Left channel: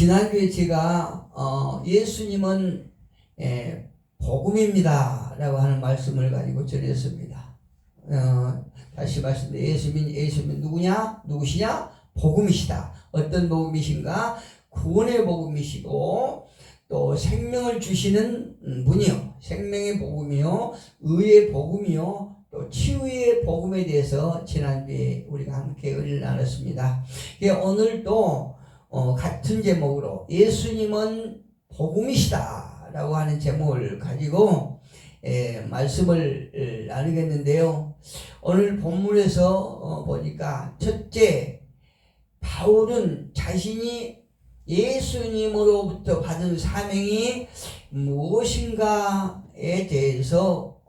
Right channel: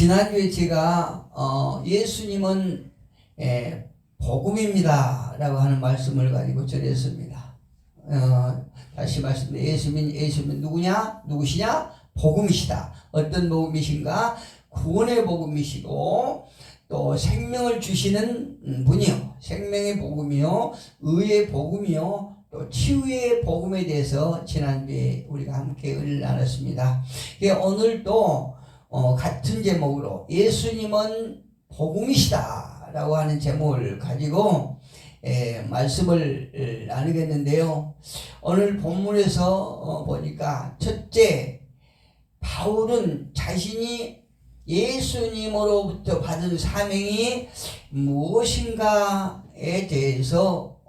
지난주에 제가 예수님은 복음입니다 라고 하는 말씀을 가지고 전했습니다. 다시 말씀드립니다. 예수님은 누구시냐? 복음이시다. 어떤 복음이신가? 구원의 복음이시고 또 생명을 주시는 분이요, 생명의 복음이요, 의의 복음이요, 또 치유의 복음에 대해서 지난주에 우리가 함께 의를 나눴습니다. 오늘도 같은 제목으로 예수님은 복음이시다 라고 하는 제목을 가지고 말씀을 나누겠는데요. 오늘 본문에서 보니까 첫째, 바울은 자신이 예수님으로부터 받은 사명이 무엇인가에 대해서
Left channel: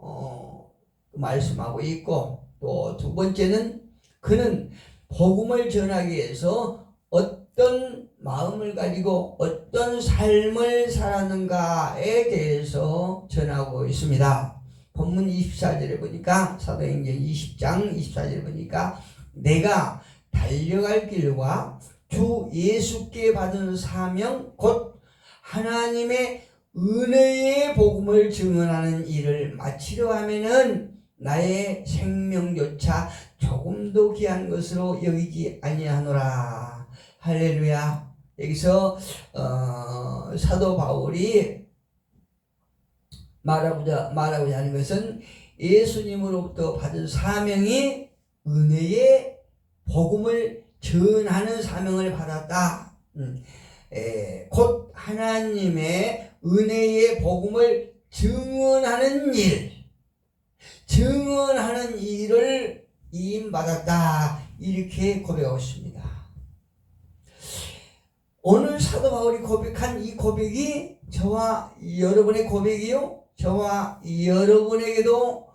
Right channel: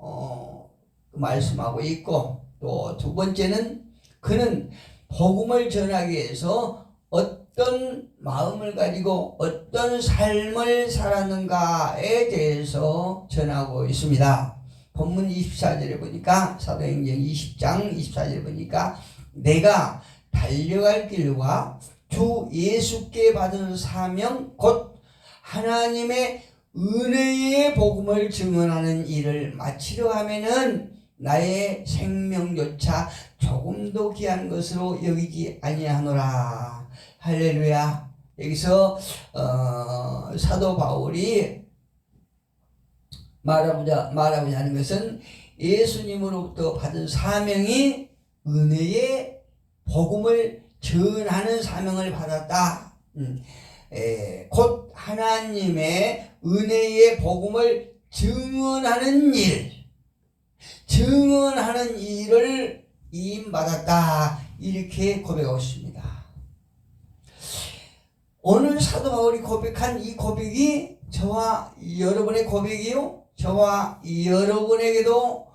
말씀하고 있고, 또 두 번째는 그는 복음을 전하기 위해서 어떤 마음을 가지고 어떤 삶을 살았는가에 대해서 전하고 있습니다. 본문 24절에 보니까, 사도행전 20장 24절에 보니까 내가 달려갈 길과 주 예수께 받은 사명 곧 하나님의 은혜의 복음을 증언하는 일을 마치려 하면은 나의 생명조차 조금도 귀한 것으로 여기지 아니하노라. 할렐루야. 여기서 사도 바울이 말하고자 하는 것은 예수님으로부터 받은 사명이 은혜의 복음을 전하는 사명을 받았다. 곧 하나님의 은혜의 복음을 증언하는 일을 임받았다. 이렇게 고백하고 있습니다. 오늘 사도 바울이 고백한 이 고백이 저와 여러분의 고백이요, 저와 여러분에게도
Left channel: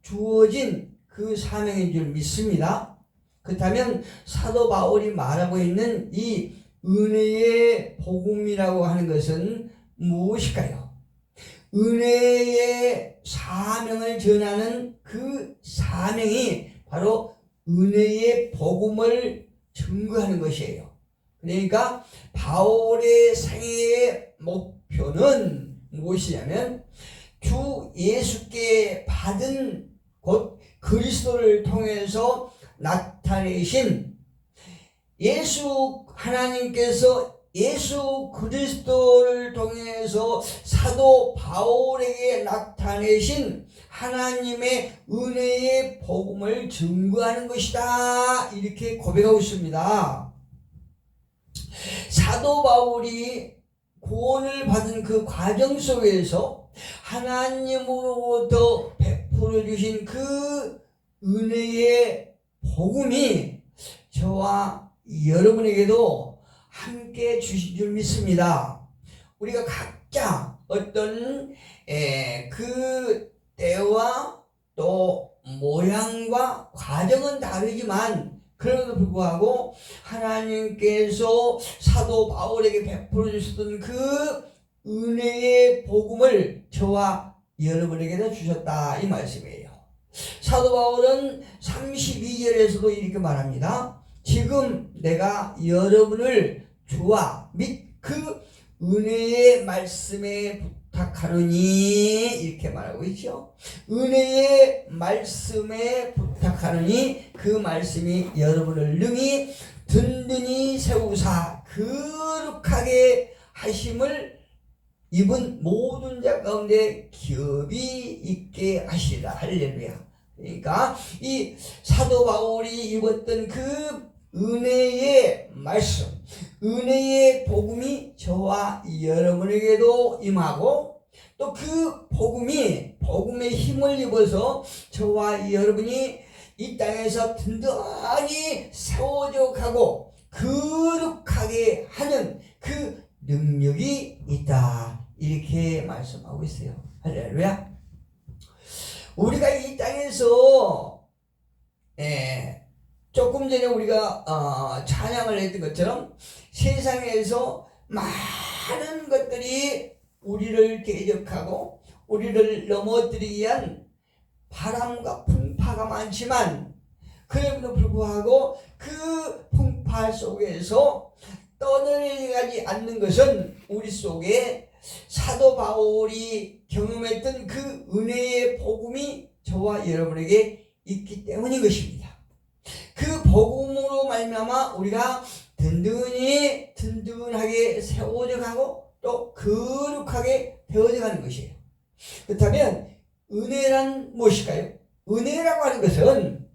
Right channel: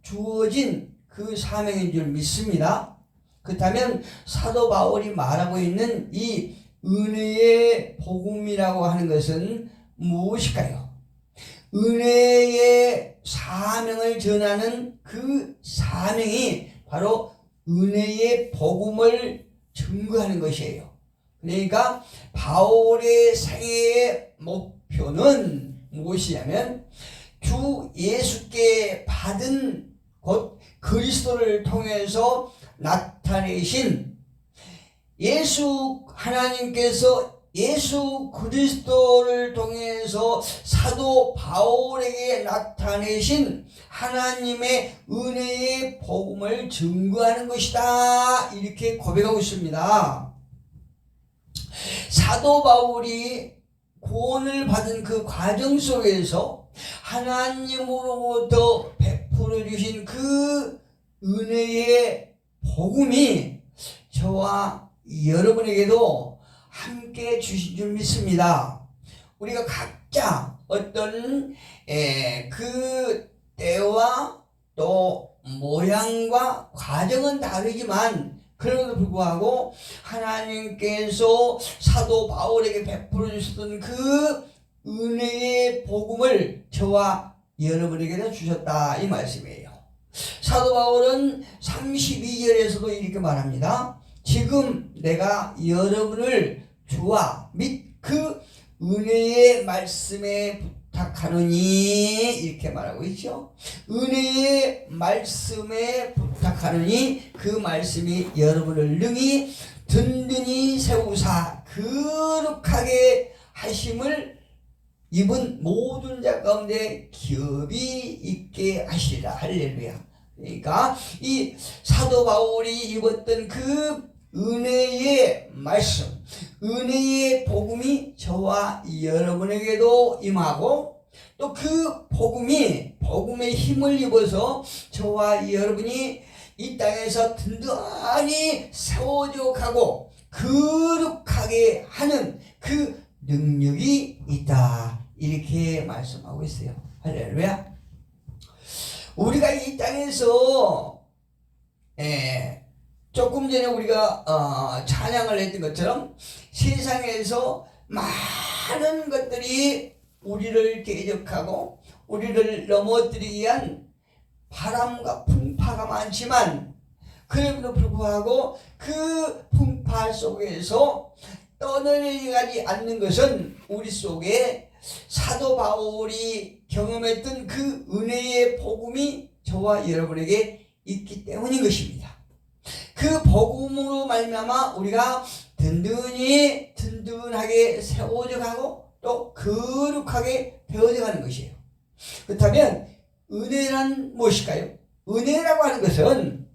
주어진 그 사명인 줄 믿습니다. 그렇다면 사도 바울이 말하고 있는 이 은혜의 복음이라고 하는 것은 무엇일까요? 은혜의 사명을 전하는 그 사명이 바로 은혜의 복음을 증거하는 것이에요. 그러니까 바울의 생애의 목표는 무엇이냐면 주 예수께 받은 곧 그리스도를 통해서 나타내신 하나님께서 예수 그리스도를 통해서 사도 바울에게 나타내신 하나님의 은혜의 복음을 증거하는 것이다. 이렇게 고백하고 있습니다. 사도 바울이 구원을 받은 그 과정 속에서 하나님으로부터 베풀어 주신 그 은혜의 복음이 저와 여러분에게도 함께 주신 줄 믿습니다. 우리가 각자 어떤 그 때와 또 모양과 과정은 다르지만 그럼에도 불구하고 하나님께서 사도 바울에게 베풀어 주셨던 그 은혜의 복음을 저와 여러분에게도 주셨다, 이 말씀이에요. 사도 바울은 32절에서도 이렇게 말합니다. 지금 내가 여러분을 주와 및 그 은혜의 말씀에 부탁하노니, 이렇게 말하고 있죠. 은혜의 말씀에 부탁하노니, 그 말씀이 여러분을 능히 든든히 세우사 거룩하게 하심을 입은 모든 자 가운데 기업이 있게 하시라. 할렐루야. 그러니까 이 사도 바울이 입었던 그 은혜의 말씀, 은혜의 복음이 저와 여러분에게도 임하고, 또 그 복음의 힘을 입어서 저와 여러분이 이 땅에서 든든히 세워져 가고 거룩하게 하는 그 능력이 있다. 이렇게 말씀하고 있어요. 할렐루야. 우리가 이 땅에서 조금 전에 우리가 찬양을 했던 것처럼 세상에서 많은 것들이 우리를 대적하고 우리를 넘어뜨리기 위한 바람과 풍파가 많지만, 그럼에도 불구하고 그 풍파 속에서 떠내려가지 않는 것은 우리 속에 사도 바울이 경험했던 그 은혜의 복음이 저와 여러분에게 있기 때문인 것입니다. 그 복음으로 말미암아 우리가 든든하게 세워져 가고 또 거룩하게 되어져 가는 것이에요. 그렇다면 은혜란 무엇일까요? 은혜라고 하는 것은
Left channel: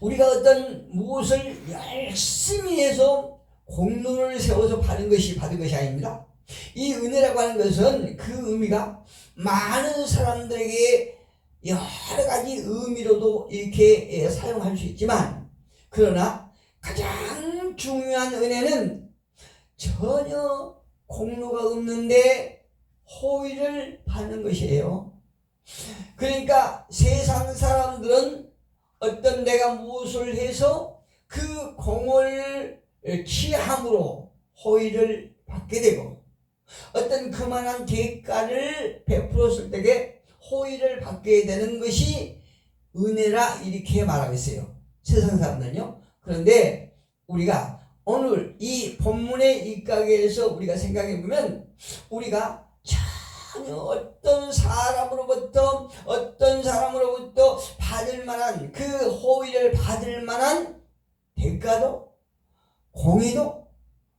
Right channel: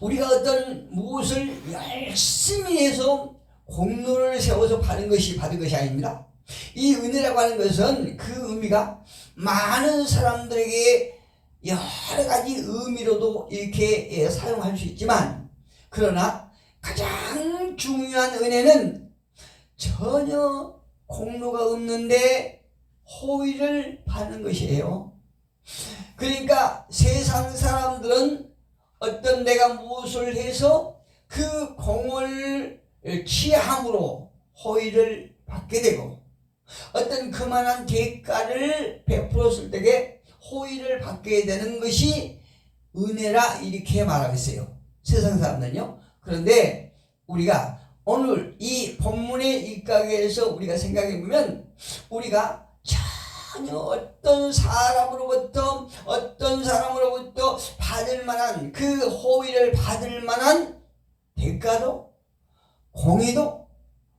우리가 어떤 무엇을 열심히 해서 공로를 세워서 받은 것이 아닙니다. 이 은혜라고 하는 것은 그 의미가 많은 사람들에게 여러 가지 의미로도 이렇게 사용할 수 있지만, 그러나 가장 중요한 은혜는 전혀 공로가 없는데 호의를 받는 것이에요. 그러니까 세상 사람들은 어떤 내가 무엇을 해서 그 공을 취함으로 호의를 받게 되고, 어떤 그만한 대가를 베풀었을 때에 호의를 받게 되는 것이 은혜라 이렇게 말하고 있어요, 세상 사람들은요. 그런데 우리가 오늘 이 본문의 일각에서 우리가 생각해 보면, 우리가 전혀 어떤 사람으로부터 받을 만한 그 호의를 받을 만한 대가도 공의도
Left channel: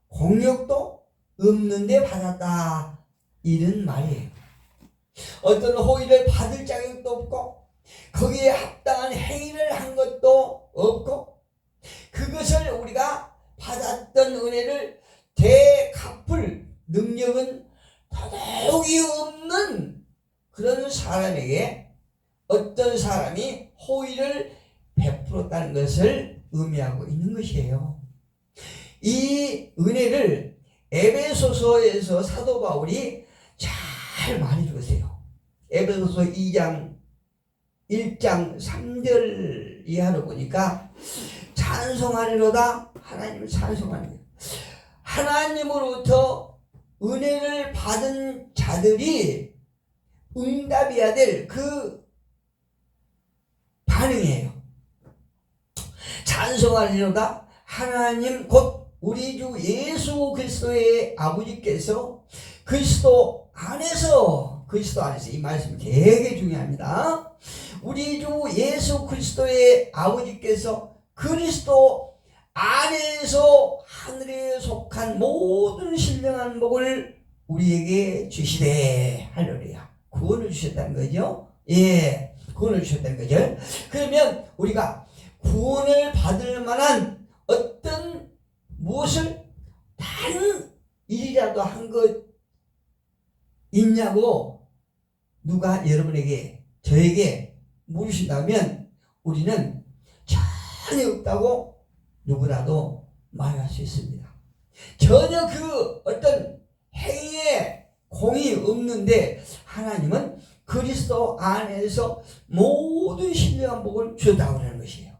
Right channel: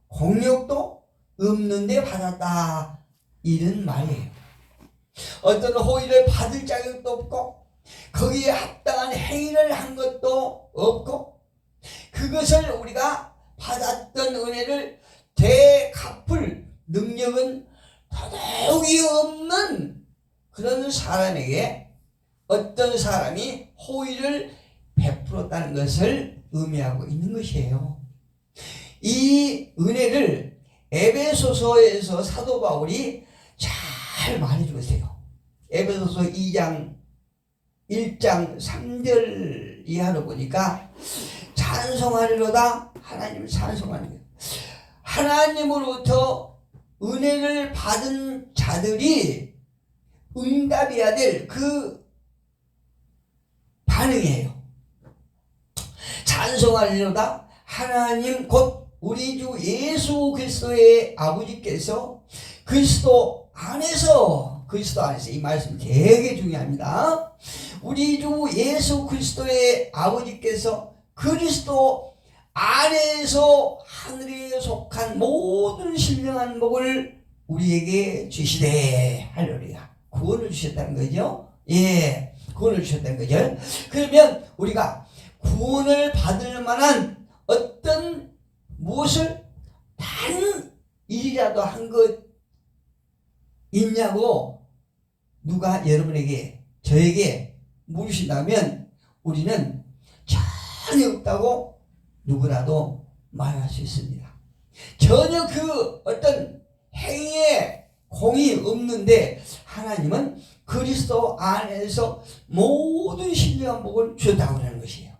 공력도 없는데 받았다, 이런 말이에요. 어떤 호의를 받을 자격도 없고 거기에 합당한 행위를 한 것도 없고, 그것을 우리가 받았던 은혜를 되갚을 능력은 더더욱이 없는 그런 사람에게 어떤 사람이 호의를 베풀었다는 것을 의미하고 있는 것이에요. 이 은혜를 에베소서에서 사도 바울이 잘 말해주고 있어요. 에베소서 2장 1장 3절 이하로 보니까, 찬송하리로다, 하나님을 찬송하는 거예요. 하나님으로부터 은혜를 받은 자들이 응답해야 될 그 반응이에요. 찬송하리로다, 하나님 곧 우리 주 예수 그리스도의 아버지께서 그리스도 안에서 이 말씀 되게 중요합니다. 우리 주 예수 그리스도의 아버지께서 그리스도 안에서 하늘에 속한 모든 신령한 복을 우리에게 주시되, 할렐루야, 구원을 주셨다는 거죠. 예, 구원을 주셨다는 거죠. 그러면 우리가 구원을 받을 만한 어떤 무엇을 다른 일이라도 한 것 있냐고 누가 여러분에게, 저에게 물으신다면 우리는 전혀 없다고 누구라도 말할 수 있습니다. 전혀 그 어떤 행위에 공이 없는데 하나님은 그리스도 안에서 모든 신령한 복을 주었다고 하는 것이에요.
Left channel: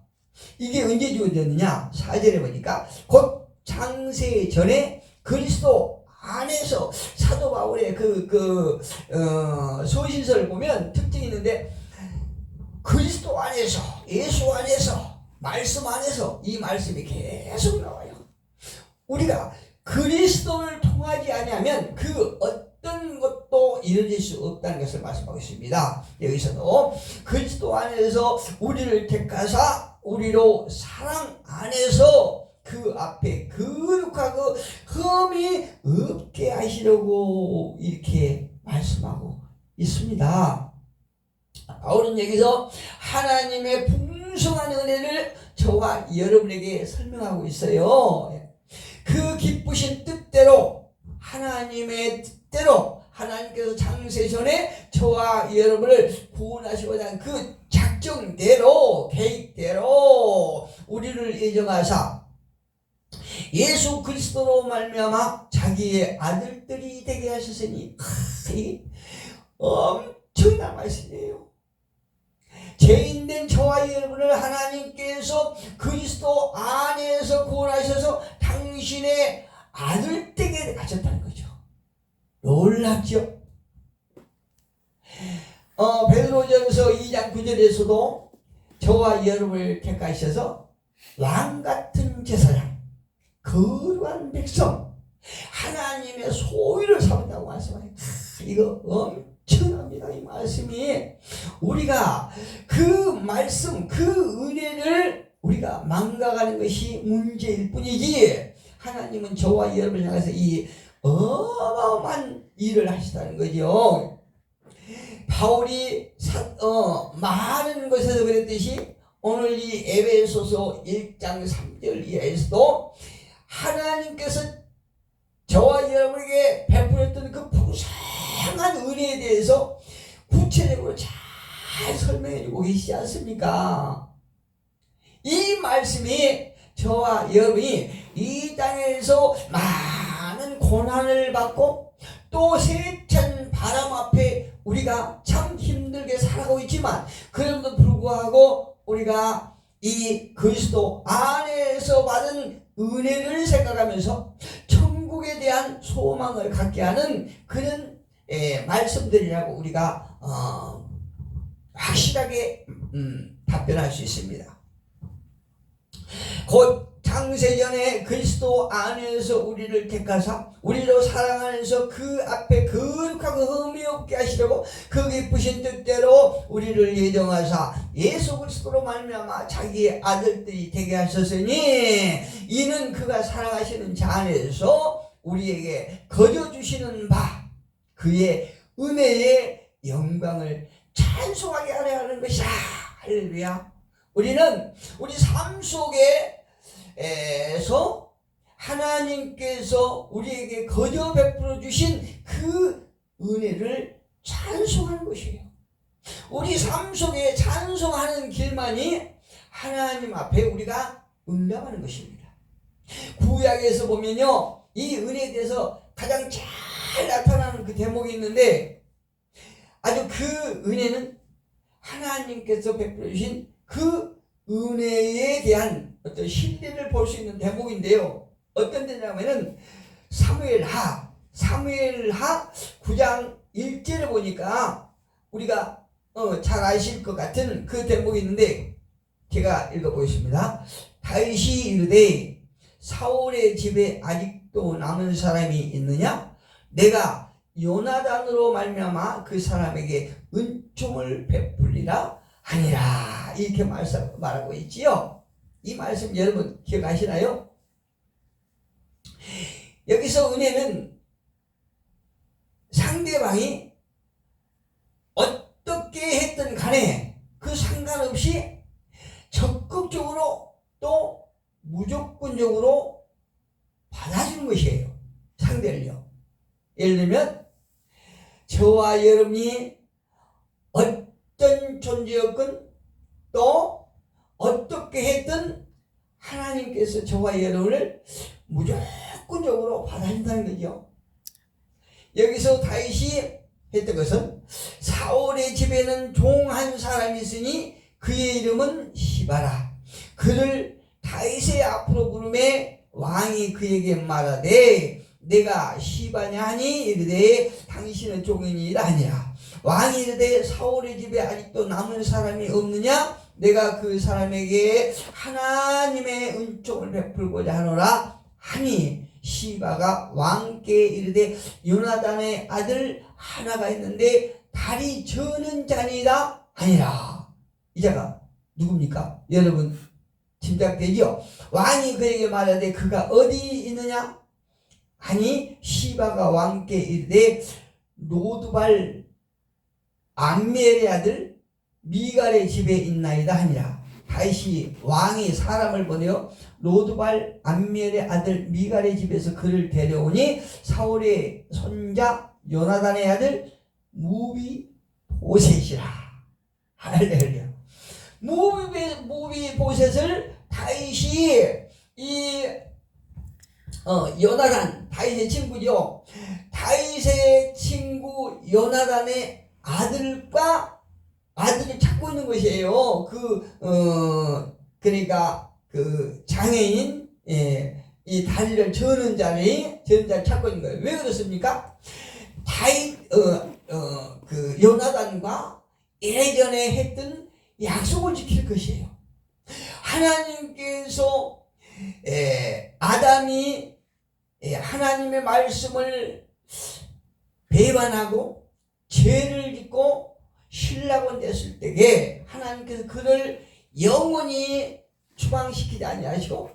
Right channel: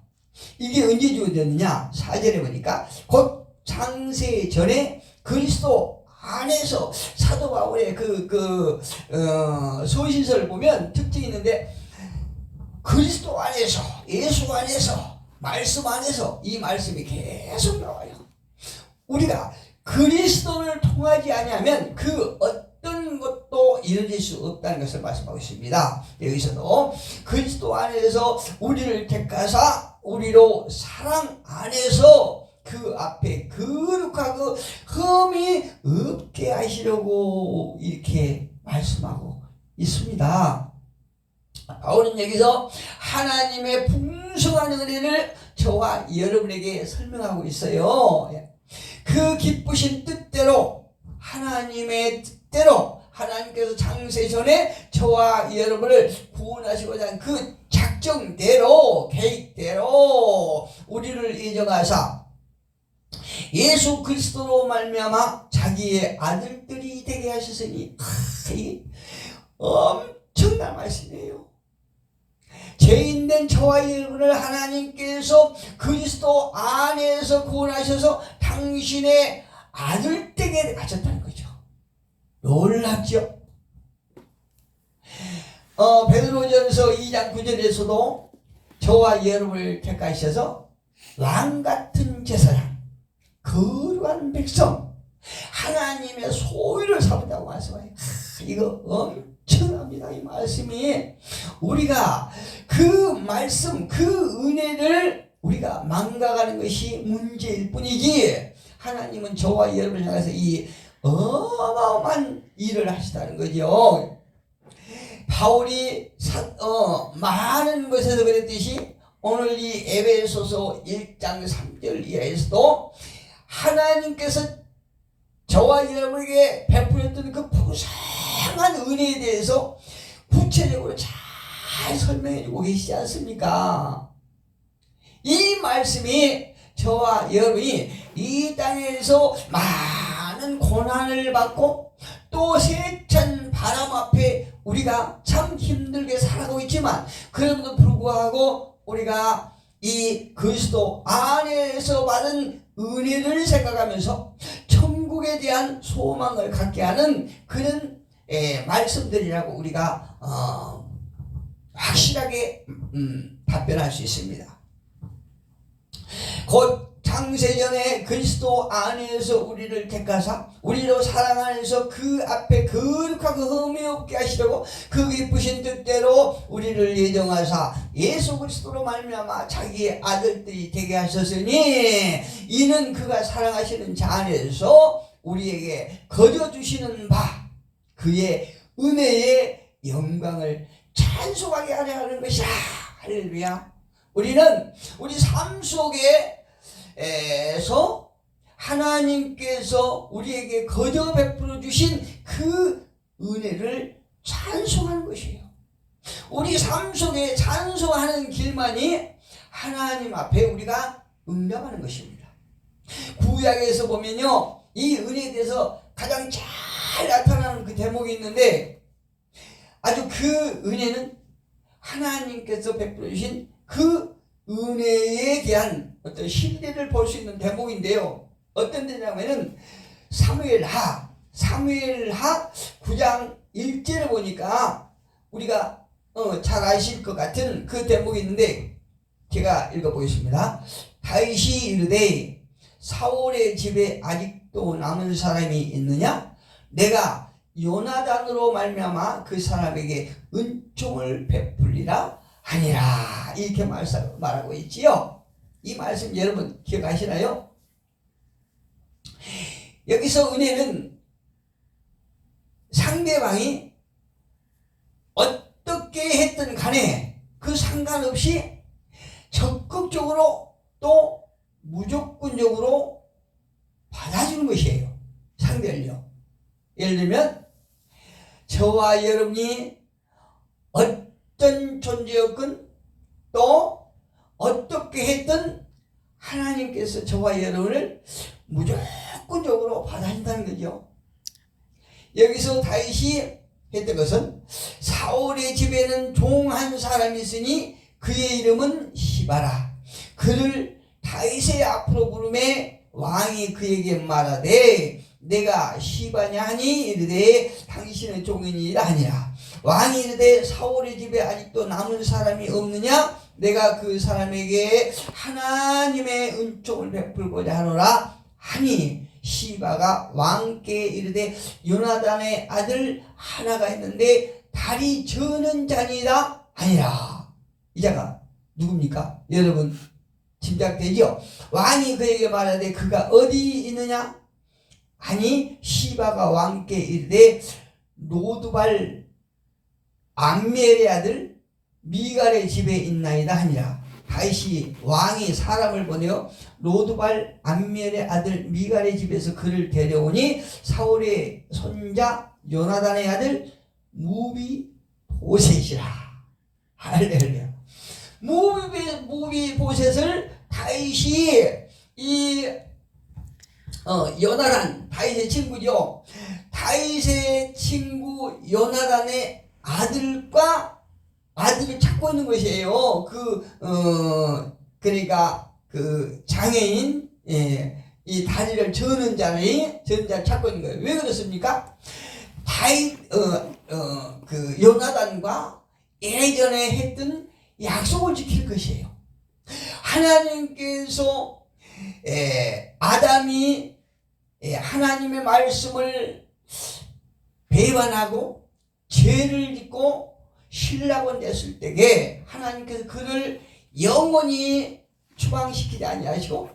이게 언제 주어졌느냐? 4절에 보니까 곧 창세 전에 그리스도 안에서, 사도 바울의 서신서를 보면 특징이 있는데, 그리스도 안에서, 예수 안에서, 말씀 안에서, 이 말씀이 계속 나와요. 우리가 그리스도를 통하지 아니하면 그 어떤 것도 이루어질 수 없다는 것을 말씀하고 있습니다. 여기서도 그리스도 안에서 우리를 택하사 우리로 사랑 안에서 그 앞에 거룩하고 흠이 없게 하시려고 이렇게 말씀하고 있습니다. 바울은 여기서 하나님의 풍성한 은혜를 저와 여러분에게 설명하고 있어요. 그 기쁘신 뜻대로, 하나님의 뜻대로, 하나님께서 창세 전에 저와 여러분을 구원하시고자 한 그 작정대로, 계획대로 우리를 예정하사 예수 그리스도로 말미암아 자기의 아들들이 되게 하셨으니, 이게 엄청난 말씀이에요. 죄인된 저와 여러분을 하나님께서 그리스도 안에서 구원하셔서 당신의 아들되게 하셨다는 거죠. 놀랍죠? 베드로전서 2장 9절에서도 저와 여러분을 택하셔서 랑 같은 제사장, 거룩한 백성, 하나님의 소유를 삼는다고 말씀해요. 이거 엄청납니다. 이 말씀이 우리가 그 말씀, 그 은혜를 우리가 망각하는 것이 문제일 뿐이지, 하나님은 저와 여러분을 향해서 이 어마어마한 일을 하시다는 거죠. 바울이 많은 것에서 그랬듯이 오늘 이 에베소서 1장 3절 이하에서도 하나님께서 저와 여러분에게 베풀었던 그 풍성한 은혜에 대해서 구체적으로 잘 설명해 주고 계시지 않습니까? 이 말씀이 저와 여러분이 이 땅에서 많은 고난을 받고 또 세찬 바람 앞에 우리가 참 힘들게 살아가고 있지만, 그럼에도 불구하고 우리가 이 그리스도 안에서 받은 은혜를 생각하면서 천국에 대한 소망을 갖게 하는 그런 말씀들이라고 우리가 확실하게 답변할 수 있습니다. 곧 창세전에 그리스도 안에서 우리를 택하사 우리로 사랑하면서 그 앞에 거룩하고 흠이 없게 하시려고 그 기쁘신 뜻대로 우리를 예정하사 예수 그리스도로 말미암아 자기의 아들들이 되게 하셨으니, 이는 그가 사랑하시는 자 안에서 우리에게 거저 주시는 바 그의 은혜의 영광을 찬송하게 하려 하는 것이라. 할렐루야. 우리는 우리 삶 속에서 하나님께서 우리에게 거저 베풀어 주신 그 은혜를 찬송하는 것이에요. 우리 삶 속에 찬송하는 길만이 하나님 앞에 우리가 응답하는 것입니다. 구약에서 보면요, 이 은혜에 대해서 가장 잘 나타나는 그 대목이 있는데, 아주 그 은혜는 하나님께서 베풀어 주신 그 은혜에 대한 어떤 신뢰를 볼 수 있는 대목인데요. 어떤 데냐면은 사무엘하 9장 1절을 보니까 우리가 잘 아실 것 같은 그 대목이 있는데, 제가 읽어보겠습니다. 다윗이 이르되 사울의 집에 아직도 남은 사람이 있느냐? 내가 요나단으로 말미암아 그 사람에게 은총을 베풀리라 하니라. 이렇게 말하고 있지요. 이 말씀 여러분 기억하시나요? 여기서 은혜는 상대방이 어떻게 했든 간에 그 상관없이 적극적으로 또 무조건적으로 받아주는 것이에요. 상대를요. 예를 들면 저와 여러분이 어떤 존재였건 또 어떻게 했든 하나님께서 저와 여러분을 무조건적으로 받아준다는 거죠. 여기서 다윗이 했던 것은 사울의 집에는 종 한 사람이 있으니 그의 이름은 시바라. 그를 다윗의 앞으로 부르매 왕이 그에게 말하되 내가 시바냐 하니 이르되 당신은 종이니라 하니라. 왕이 이르되 사울의 집에 아직도 남은 사람이 없느냐? 내가 그 사람에게 하나님의 은총을 베풀고자 하노라 하니, 시바가 왕께 이르되 요나단의 아들 하나가 있는데 다리 저는 자니라 하니라. 이 자가 누굽니까? 여러분 짐작되죠? 왕이 그에게 말하되 그가 어디 있느냐 하니, 시바가 왕께 이르되 로드발 암멜의 아들 미갈의 집에 있나이다 하니라. 다윗이 왕이 사람을 보내어 로드발 암멜의 아들 미갈의 집에서 그를 데려오니 사울의 손자 요나단의 아들 무비보셋이라. 할렐루야. 무비보셋을 다윗이 이 요나단, 다윗의 친구죠. 다윗의 친구 요나단의 아들을 찾고 있는 것이에요. 그러니까 그 장애인, 이 다리를 저는 자를 찾고 있는 거예요. 왜 그렇습니까? 그 요나단과 예전에 했던 약속을 지킬 것이에요. 하나님께서 아담이 하나님의 말씀을 배반하고 죄를 짓고 신라곤 됐을 때에 하나님께서 그를 영원히 추방시키지 아니하시고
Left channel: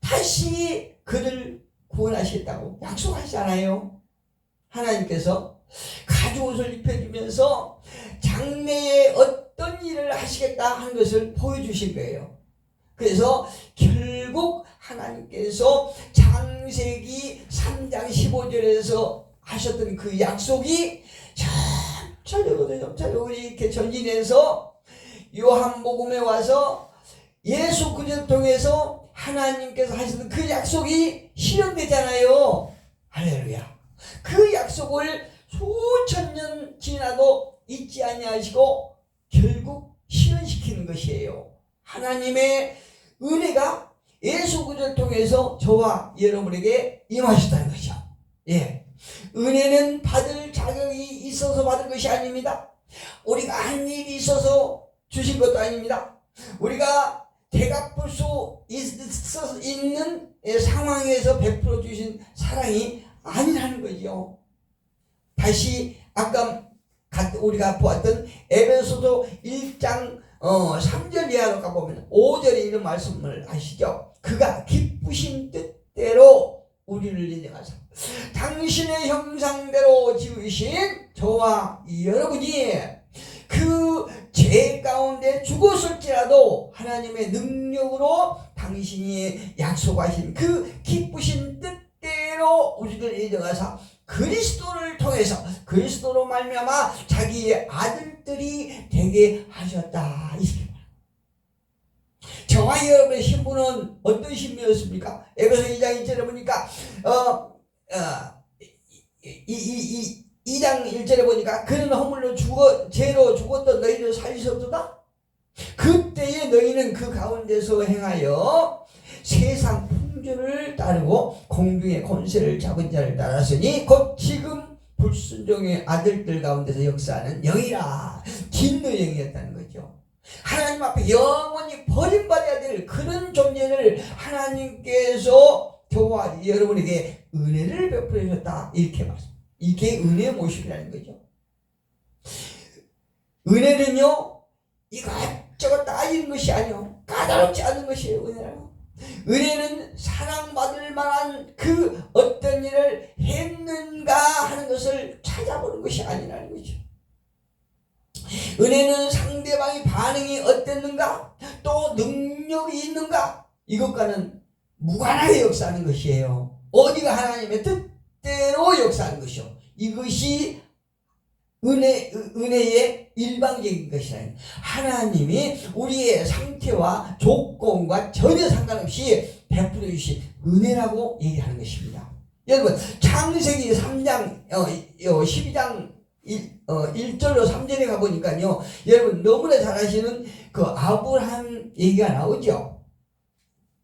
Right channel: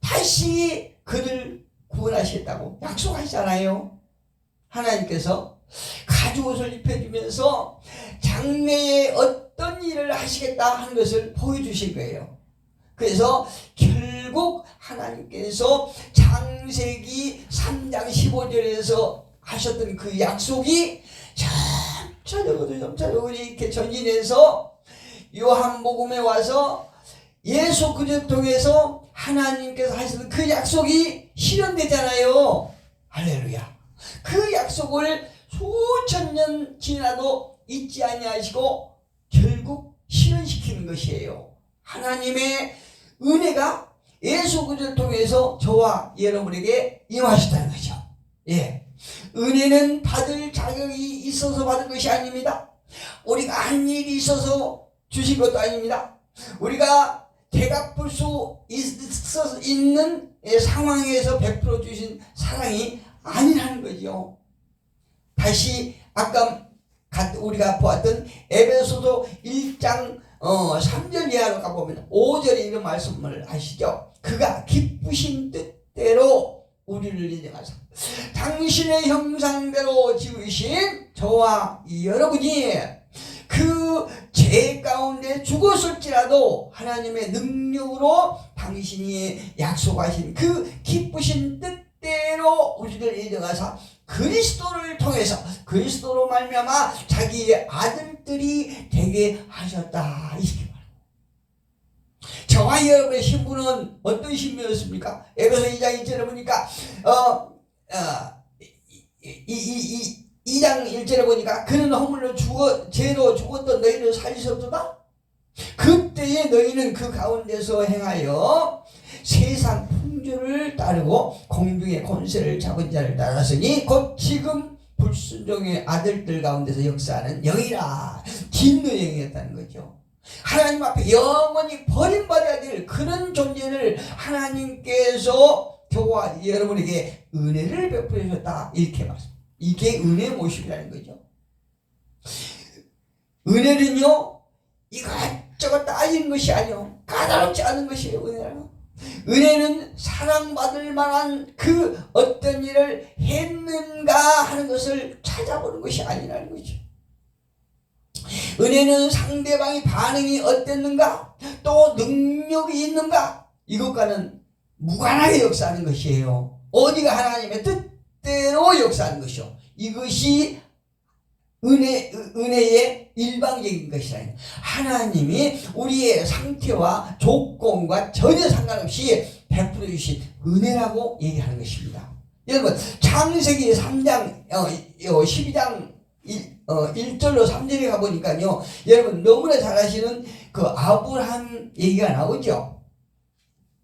다시 그를 구원하시겠다고 약속하시잖아요. 하나님께서 가죽옷을 입혀주면서 장래에 어떤 일을 하시겠다 하는 것을 보여주신 거예요. 그래서 결국 하나님께서 창세기 3장 15절에서 하셨던 그 약속이 점차적으로 이렇게 전진해서 요한복음에 와서 예수 그리스도를 통해서 하나님께서 하시는 그 약속이 실현되잖아요. 할렐루야. 그 약속을 수천 년 지나도 잊지 아니하시고 결국 실현시키는 것이에요. 하나님의 은혜가 예수 그리스도를 통해서 저와 여러분에게 임하셨다는 거죠. 은혜는 받을 자격이 있어서 받은 것이 아닙니다. 우리가 한 일이 있어서 주신 것도 아닙니다. 우리가 되갚을 수 있는 상황에서 베풀어 주신 사랑이 아니라는 거죠. 다시 아까 우리가 보았던 에베소서 1장 3절 이하로 가보면 5절에 이런 말씀을 하시죠. 그가 기쁘신 뜻대로 우리를 인정하사 당신의 형상대로 지으신 저와 여러분이 그 죄 가운데 죽었을지라도 하나님의 능력으로 당신이 약속하신 그 기쁘신 뜻대로 우리를 인정하사 그리스도를 통해서 그리스도로 말미암아 자기의 아들들이 되게 하셨다. 이렇게 말합니다. 저와 여러분의 신분은 어떤 신분이었습니까? 에베소 2장 1절에 보니까 2장 1절에 보니까 그는 허물로 죄로 죽었던 너희를 살리셨도다. 그때에 너희는 그 가운데서 행하여 세상 풍조를 따르고 공중의 권세를 잡은 자를 따랐으니 곧 지금 불순종의 아들들 가운데서 역사하는 영이라. 진노 영이었다는 거죠. 하나님 앞에 영원히 버림받아야 될 그런 존재를 하나님께서 저와 여러분에게 은혜를 베풀어 주셨다. 이렇게 말씀합니다. 이게 은혜의 모습이라는 거죠. 은혜는요 이것저것 따지는 것이 아니요 까다롭지 않은 것이에요. 은혜는 사랑받을 만한 그 어떤 일을 했는가 하는 것을 찾아보는 것이 아니라는 거죠. 은혜는 상대방의 반응이 어땠는가 또 능력이 있는가 이것과는 무관하게 역사하는 것이에요. 어디가 하나님의 뜻대로 역사하는 것이요. 이것이 은혜의 일방적인 것이라는 하나님이 우리의 상태와 조건과 전혀 상관없이 베풀어 주신 은혜라고 얘기하는 것입니다. 여러분 창세기 3장 12장 1절로 3절에 가보니까요 여러분 너무나 잘 아시는 그 아브라함 얘기가 나오죠.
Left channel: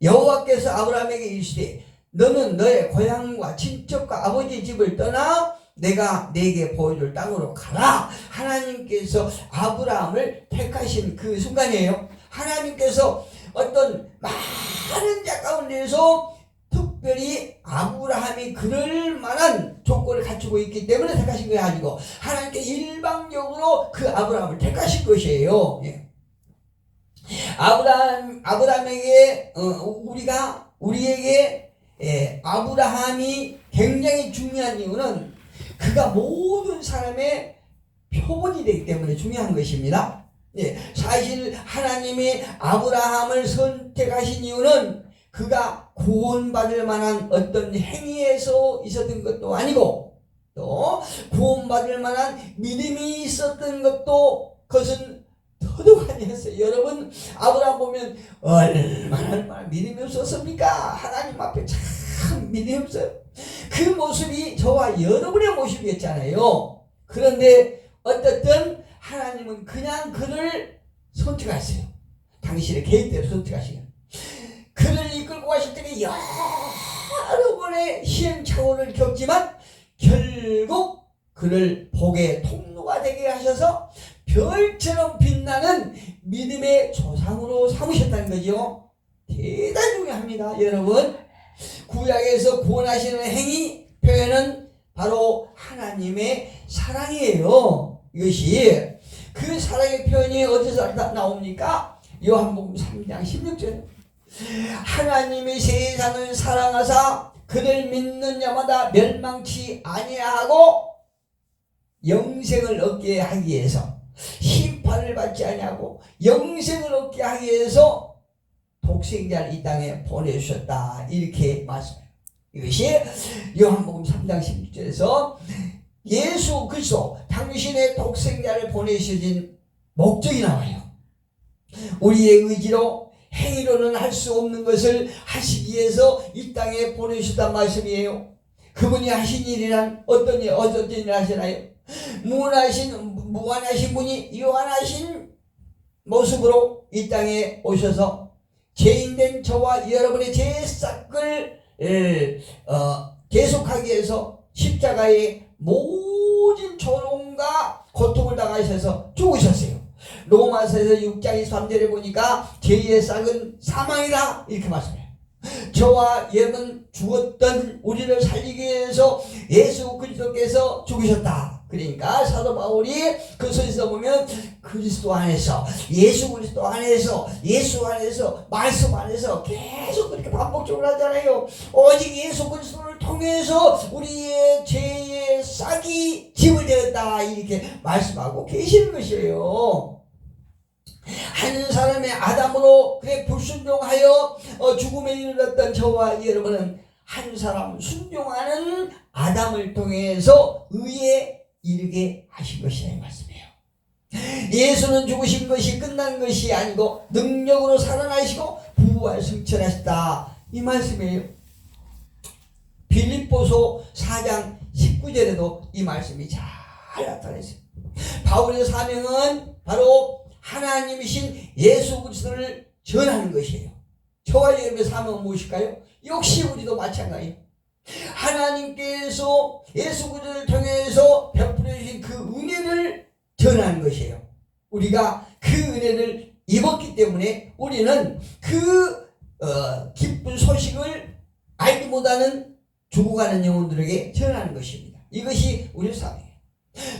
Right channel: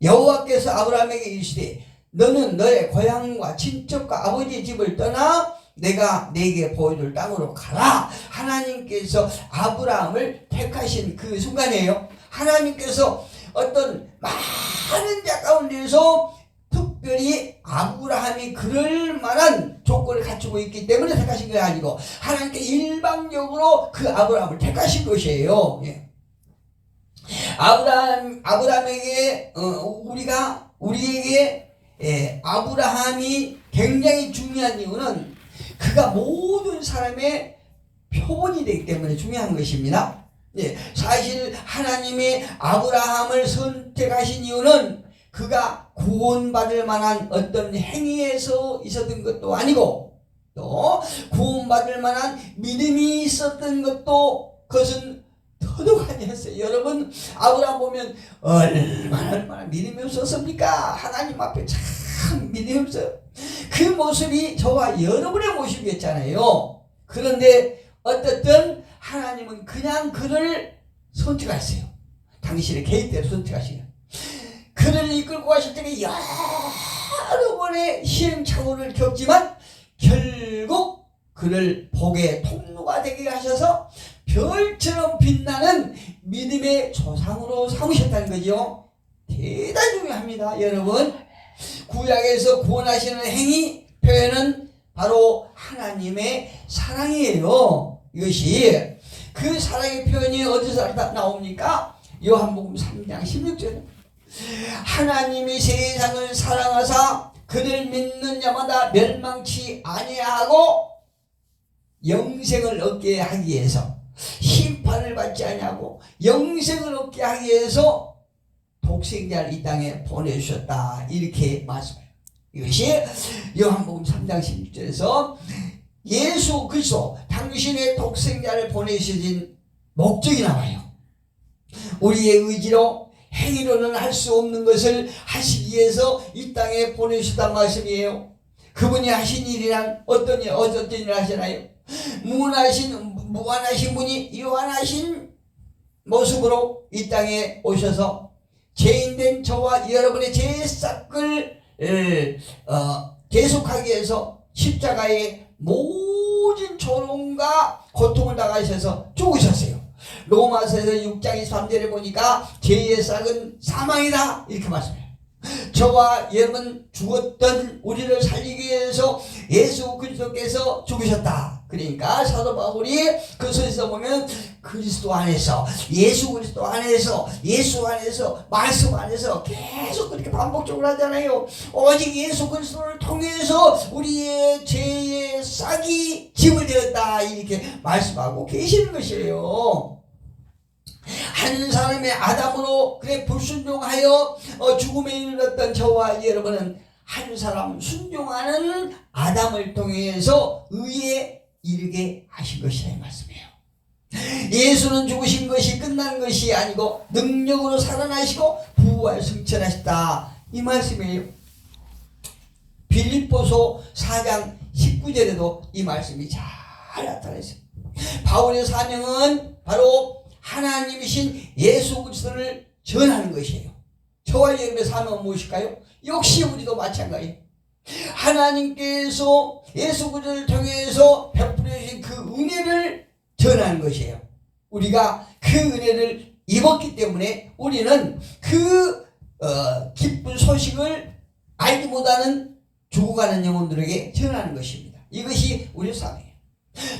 여호와께서 아브라함에게 이르시되 너는 너의 고향과 친척과 아버지의 집을 떠나 내가 네게 보여줄 땅으로 가라. 하나님께서 아브라함을 택하신 그 순간이에요. 하나님께서 어떤 많은 자 가운데서 특별히 아브라함이 그럴 만한 조건을 갖추고 있기 때문에 택하신 게 아니고 하나님께 일방적으로 그 아브라함을 택하신 것이에요. 아브라함에게 우리에게 아브라함이 굉장히 중요한 이유는 그가 모든 사람의 표본이 되기 때문에 중요한 것입니다. 사실 하나님이 아브라함을 선택하신 이유는 그가 구원받을 만한 어떤 행위에서 있었던 것도 아니고 또 구원받을 만한 믿음이 있었던 것도 그것은 더더욱 아니었어요. 여러분 아브라함 보면 얼마나 믿음이 없었습니까? 하나님 앞에 참 믿음이 없어요. 그 모습이 저와 여러분의 모습이었잖아요. 그런데 어쨌든 하나님은 그냥 그를 선택하세요. 당신의 계획대로 선택하시는 그를 이끌고 가실 때에 여러 번의 시행착오를 겪지만 결국 그를 복의 통로가 되게 하셔서 별처럼 빛나는 믿음의 조상으로 삼으셨다는 거죠. 대단히 중요합니다. 여러분, 구약에서 구원하시는 행위 표현은 바로 하나님의 사랑이에요. 이것이 그 사랑의 표현이 어디서 나옵니까? 요한복음 3장 16절. 하나님이 세상을 사랑하사 그를 믿는 자마다 멸망치 아니하고 영생을 얻게 하기 위해서, 심판을 받지 아니하고 영생을 얻게 하기 위해서 독생자를 이 땅에 보내주셨다, 이렇게 말씀해요. 이것이 요한복음 3장 16절에서 예수 그리스도 당신의 독생자를 보내주신 목적이 나와요. 우리의 의지로 행위로는 할 수 없는 것을 하시기 위해서 이 땅에 보내주셨단 말씀이에요. 그분이 하신 일이란 어떤 일을 하시나요? 무한하신 분이 유한하신 모습으로 이 땅에 오셔서 죄인된 저와 여러분의 죄싹을 계속하기 위해서 십자가에 모든 조롱과 고통을 당하셔서 죽으셨어요. 로마서에서 6장 23절에 보니까 죄의 싹은 사망이다, 이렇게 말씀해요. 저와 여러분 죽었던 우리를 살리기 위해서 예수 그리스도께서 죽으셨다. 그러니까 사도 바울이 그 서에서 보면 그리스도 안에서, 예수 그리스도 안에서, 예수 안에서, 말씀 안에서 계속 그렇게 반복적으로 하잖아요. 오직 예수 그리스도를 통해서 우리의 죄의 싹이 짐을 되었다, 이렇게 말씀하고 계시는 것이에요. 한 사람의 아담으로 그의 불순종하여 죽음에 이르렀던 저와 여러분은 한 사람 순종하는 아담을 통해서 의에 이르게 하신 것이라 이 말씀이에요. 예수는 죽으신 것이 끝난 것이 아니고 능력으로 살아나시고 부활 승천하셨다, 이 말씀이에요. 빌립보서 4장 19절에도 이 말씀이 잘 나타나 있습니다. 바울의 사명은 바로 하나님이신 예수 그리스도를 전하는 것이에요. 저와 여러분의 사명은 무엇일까요? 역시 우리도 마찬가지예요. 하나님께서 예수 그리스도를 통해서 베풀어 주신 그 은혜를 전하는 것이에요. 우리가 그 은혜를 입었기 때문에 우리는 그 기쁜 소식을 알지 못하는 죽어가는 영혼들에게 전하는 것입니다. 이것이 우리의 사명이에요.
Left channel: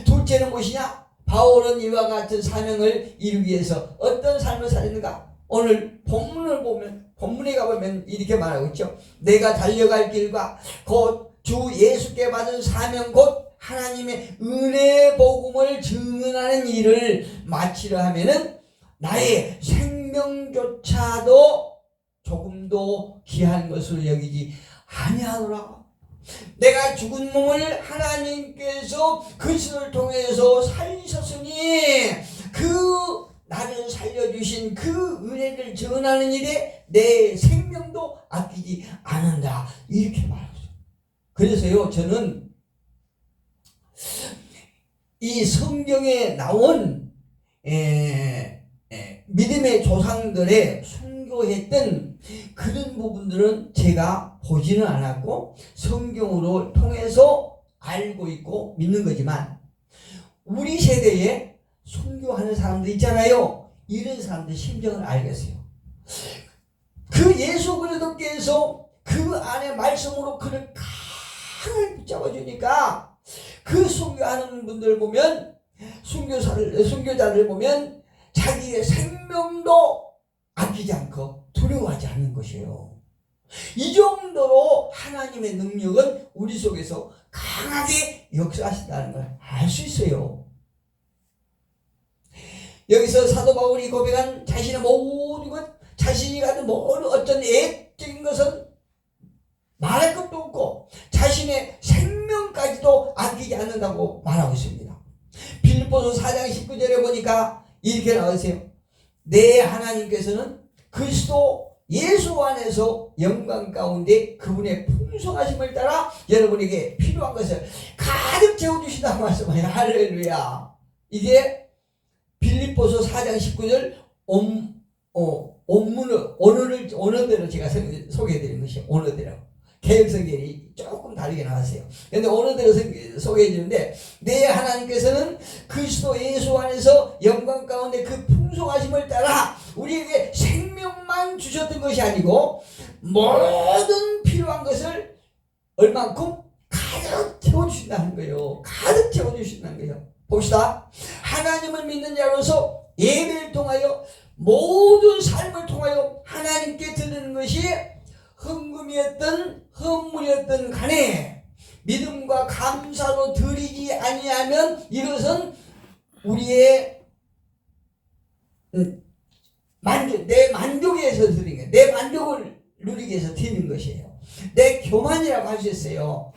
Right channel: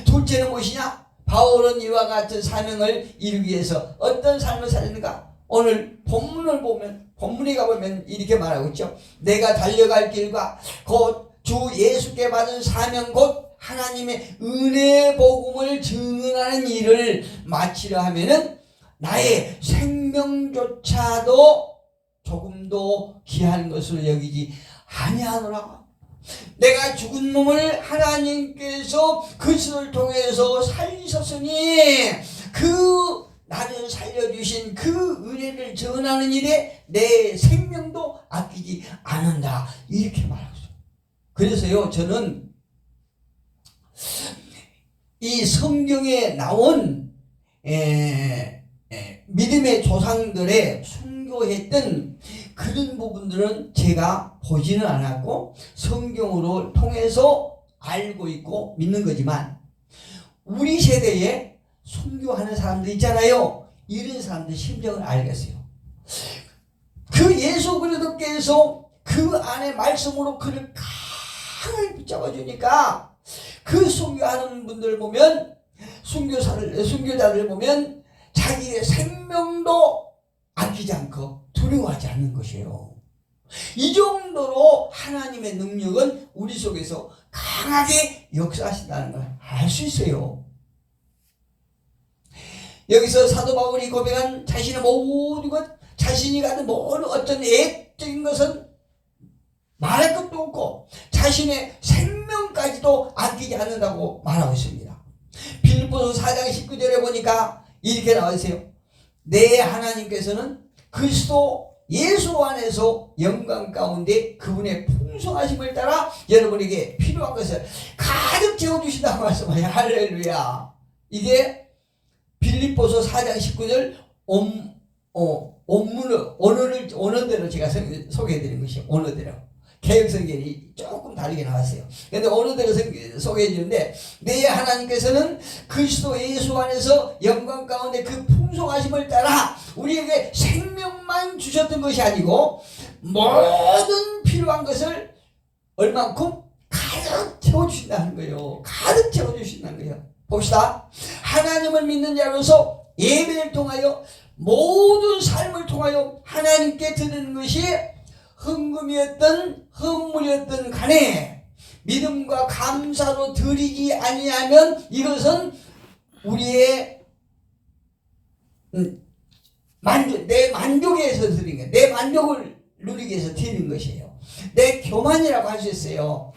둘째는 무엇이냐? 바울은 이와 같은 사명을 이루기 위해서 어떤 삶을 살았는가? 오늘 본문을 보면, 본문에 가보면 이렇게 말하고 있죠. 내가 달려갈 길과 곧 주 예수께 받은 사명, 곧 하나님의 은혜 복음을 증언하는 일을 마치려 하면은 나의 생명조차도 조금도 귀한 것을 여기지 아니하노라. 내가 죽은 몸을 하나님께서 그리스도를 통해서 살리셨으니 그 나를 살려주신 그 은혜를 전하는 일에 내 생명도 아끼지 않는다, 이렇게 말하고 있어요. 그래서요, 저는 이 성경에 나온 믿음의 조상들의 순교했던 그런 부분들은 제가 보지는 않았고 성경으로 통해서 알고 있고 믿는 거지만, 우리 세대에 순교하는 사람들 있잖아요. 이런 사람들 심정을 알겠어요. 그 예수 그리스도께서 그 안에 말씀으로 그를 강하게 붙잡아 주니까 그 순교하는 분들 보면, 순교자들 보면 자기의 생명도 아끼지 않고 두려워하지 않는 것이에요. 이 정도로 하나님의 능력은 우리 속에서 강하게 역사하신다는 걸 알 수 있어요. 여기서 사도 바울이 고백한 자신의 모든 것, 자신이 갖는 모든 어떤 애적인 것은 말할 것도 없고 자신의 생명까지도 아끼지 않는다고 말하고 있습니다. 빌립보서 4장 19절에 보니까 이렇게 나와 있어요. 내 하나님께서는 그리스도 예수 안에서 영광 가운데 그분의 풍성하심을 따라 여러분에게 필요한 것을 가득 채워주신다고 말씀해요. 할렐루야. 이게 빌립보서 4장 19절 원문을 언어대로 제가 소개해드린 것이 언어대로. 개혁성경이 조금 다르게 나왔어요. 그런데 오늘 들어서 소개해 주는데, 내 하나님께서는 그리스도 예수 안에서 영광 가운데 그 풍성하심을 따라 우리에게 생명만 주셨던 것이 아니고 모든 필요한 것을 얼만큼 가득 채워주신다는 거예요. 가득 채워주신다는 거예요. 봅시다. 하나님을 믿는 자로서 예배를 통하여 모든 삶을 통하여 하나님께 드리는 것이 헌금이었던 헌물이었던 간에 믿음과 감사로 드리지 아니하면 이것은 우리의 내 만족에 의해서 드리는 거예요. 내 만족을 누리기 위해서 드리는 것이에요. 내 교만이라고 할 수 있어요.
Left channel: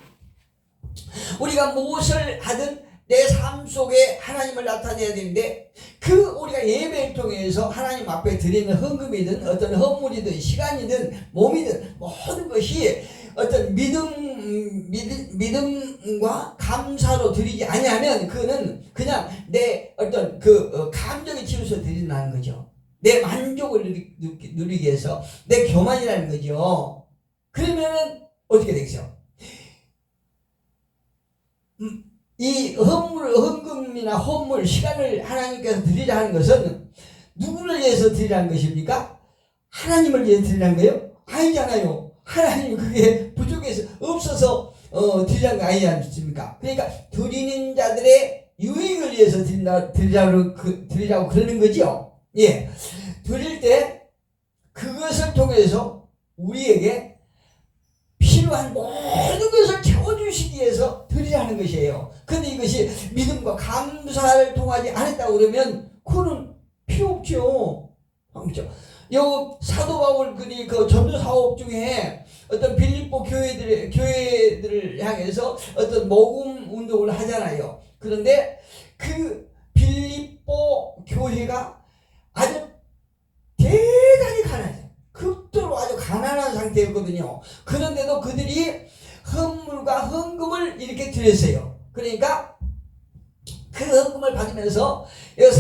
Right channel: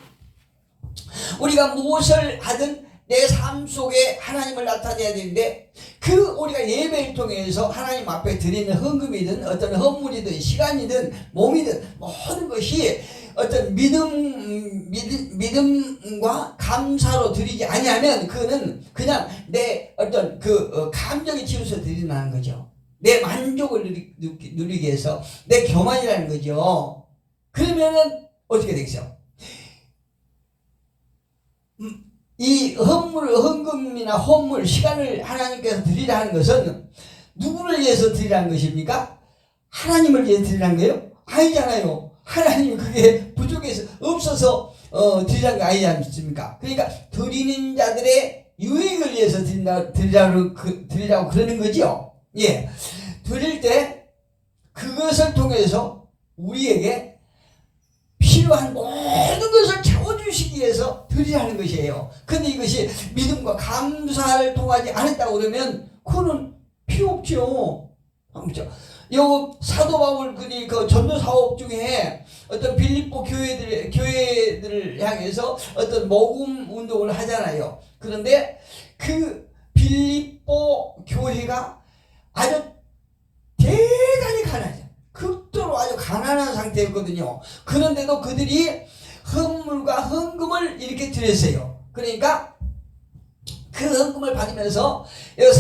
우리가 무엇을 하든 내 삶 속에 하나님을 나타내야 되는데, 그 우리가 예배를 통해서 하나님 앞에 드리는 헌금이든 어떤 헌물이든 시간이든 몸이든 모든 것이 어떤 믿음과 감사로 드리지 아니하면 그거는 그냥 내 어떤 감정에 치우쳐 드린다는 거죠. 내 만족을 누리기 위해서 내 교만이라는 거죠. 그러면은 어떻게 되겠어요? 이 헌금이나 헌물, 시간을 하나님께서 드리라 하는 것은 누구를 위해서 드리라는 것입니까? 하나님을 위해서 드리라는 거예요? 아니잖아요. 하나님 그게 부족해서 없어서 드리라는 거 아니지 않습니까? 그러니까 드리는 자들의 유익을 위해서 드리라고 그러는 거죠. 예, 드릴 때 그것을 통해서 우리에게 필요한 모든 것을 채워주시기 위해서 드리라는 것이에요. 근데 이것이 믿음과 감사를 통하지 않았다고 그러면 그거는 필요 없죠. 그렇죠? 요 사도 바울군이 그 전도 사업 중에 어떤 빌립보 교회들을 향해서 어떤 모금 운동을 하잖아요. 그런데 그 빌립보 교회가 아주 대단히 가난해요. 극도로 아주 가난한 상태였거든요. 그런데도 그들이 헌물과 헌금을 이렇게 드렸어요. 그러니까 그 헌금을 받으면서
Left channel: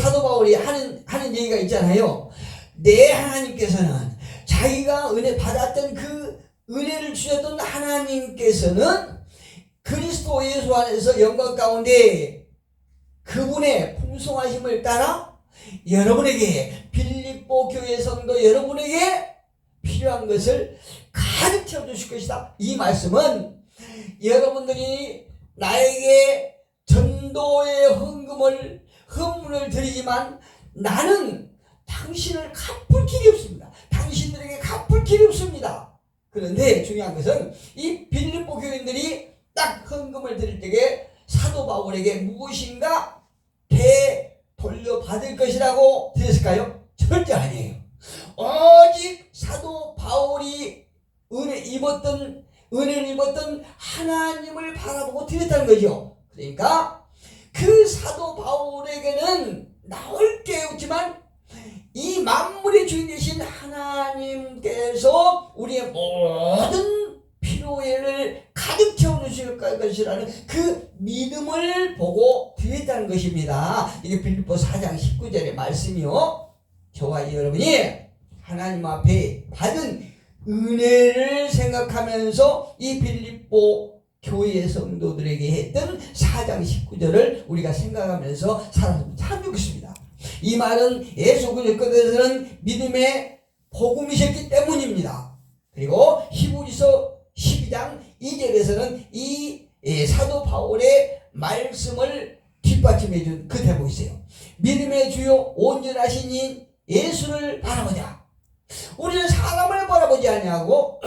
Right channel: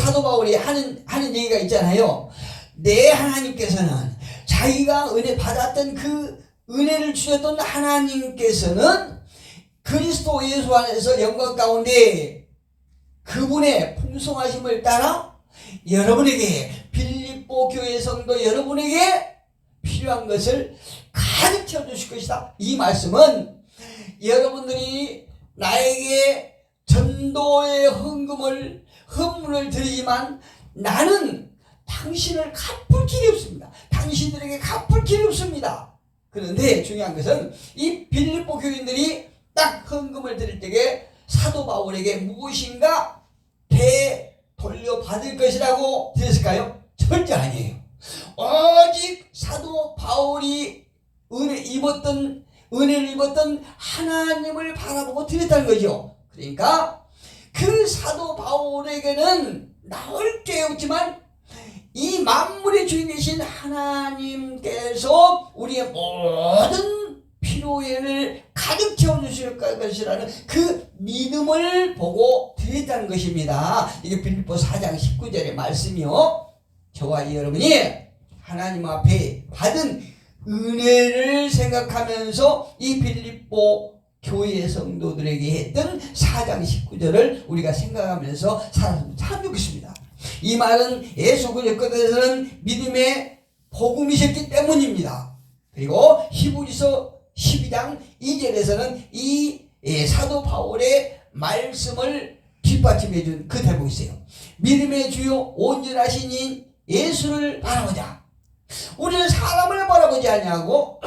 사도 바울이 하는 얘기가 있잖아요. 내 하나님께서는 자기가 은혜 받았던 그 은혜를 주셨던 하나님께서는 그리스도 예수 안에서 영광 가운데 그분의 풍성하심을 따라 여러분에게, 빌립보 교회 성도 여러분에게 필요한 것을 가득 채워주실 것이다. 이 말씀은 여러분들이 나에게 전도의 헌물을 드리지만 나는 당신을 갚을 길이 없습니다. 당신들에게 갚을 길이 없습니다. 그런데 중요한 것은 이 빌립보 교인들이 딱 헌금을 드릴 때에 사도 바울에게 무엇인가 되돌려받을 것이라고 드렸을까요? 절대 아니에요. 오직 사도 바울이 은혜를 입었던 하나님을 바라보고 드렸다는 거죠. 그러니까 그 사도 바울에게는 나올 게 없지만 이 만물의 주인 되신 하나님께서 우리의 모든 필요를 가득 채워주실 것이라는 그 믿음을 보고 드렸다는 것입니다. 이게 빌립보 4장 19절의 말씀이요. 저와 여러분이 하나님 앞에 받은 은혜를 생각하면서 이 빌립보 교회 성도들에게 했던 4장 19절을 우리가 생각하면서 살았으면 참 좋겠습니다. 이 말은 예수 그리스도께서는 믿음의 복음이셨기 때문입니다. 그리고 히브리서 12장 2절에서는 이 사도 바울의 말씀을 뒷받침해 준 그 대목이 있어요. 믿음의 주요 온전하신 인 예수를 바라보자. 우리는 사람을 바라보지 아니하고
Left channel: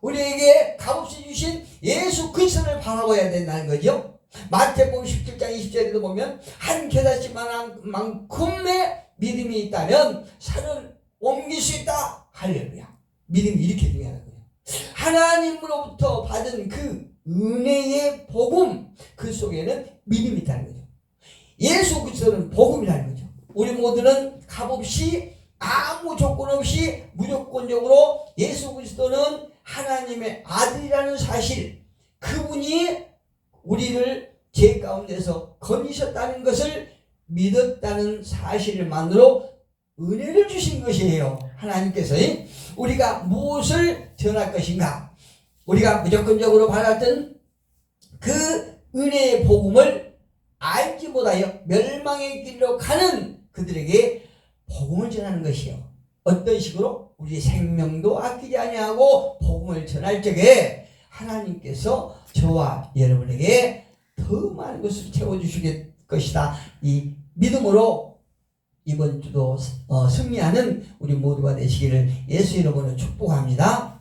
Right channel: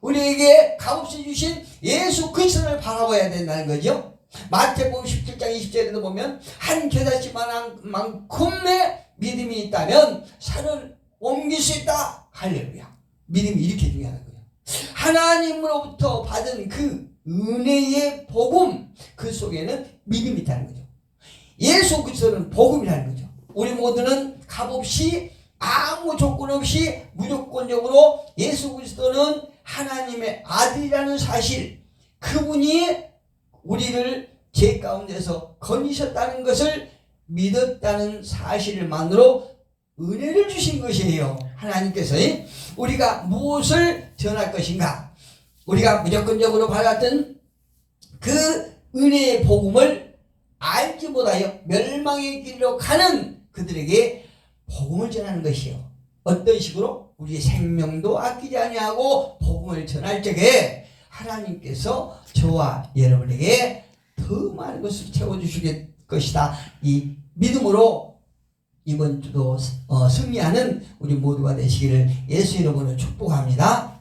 우리에게 값없이 주신 예수 그리스도를 바라봐야 된다는 거죠. 마태복음 17장 20절에도 보면 한 겨자씨만큼의 믿음이 있다면 산을 옮길 수 있다. 할렐루야. 믿음이 이렇게 중요한 거예요. 하나님으로부터 받은 그 은혜의 복음, 그 속에는 믿음이 있다는 거죠. 예수 그리스도는 복음이라는 거죠. 우리 모두는 값없이 아무 조건 없이 무조건적으로 예수 그리스도는 하나님의 아들이라는 사실, 그분이 우리를 죄 가운데서 건지셨다는 것을 믿었다는 사실만으로 은혜를 주신 것이에요. 하나님께서 우리가 무엇을 전할 것인가, 우리가 무조건적으로 받았던 그 은혜의 복음을 알지 못하여 멸망의 길로 가는 그들에게 복음을 전하는 것이요. 어떤 식으로? 우리 생명도 아끼지 아니하고 복음을 전할 적에 하나님께서 저와 여러분에게 더 많은 것을 채워주실 것이다. 이 믿음으로 이번 주도 승리하는 우리 모두가 되시기를 예수 이름으로 축복합니다.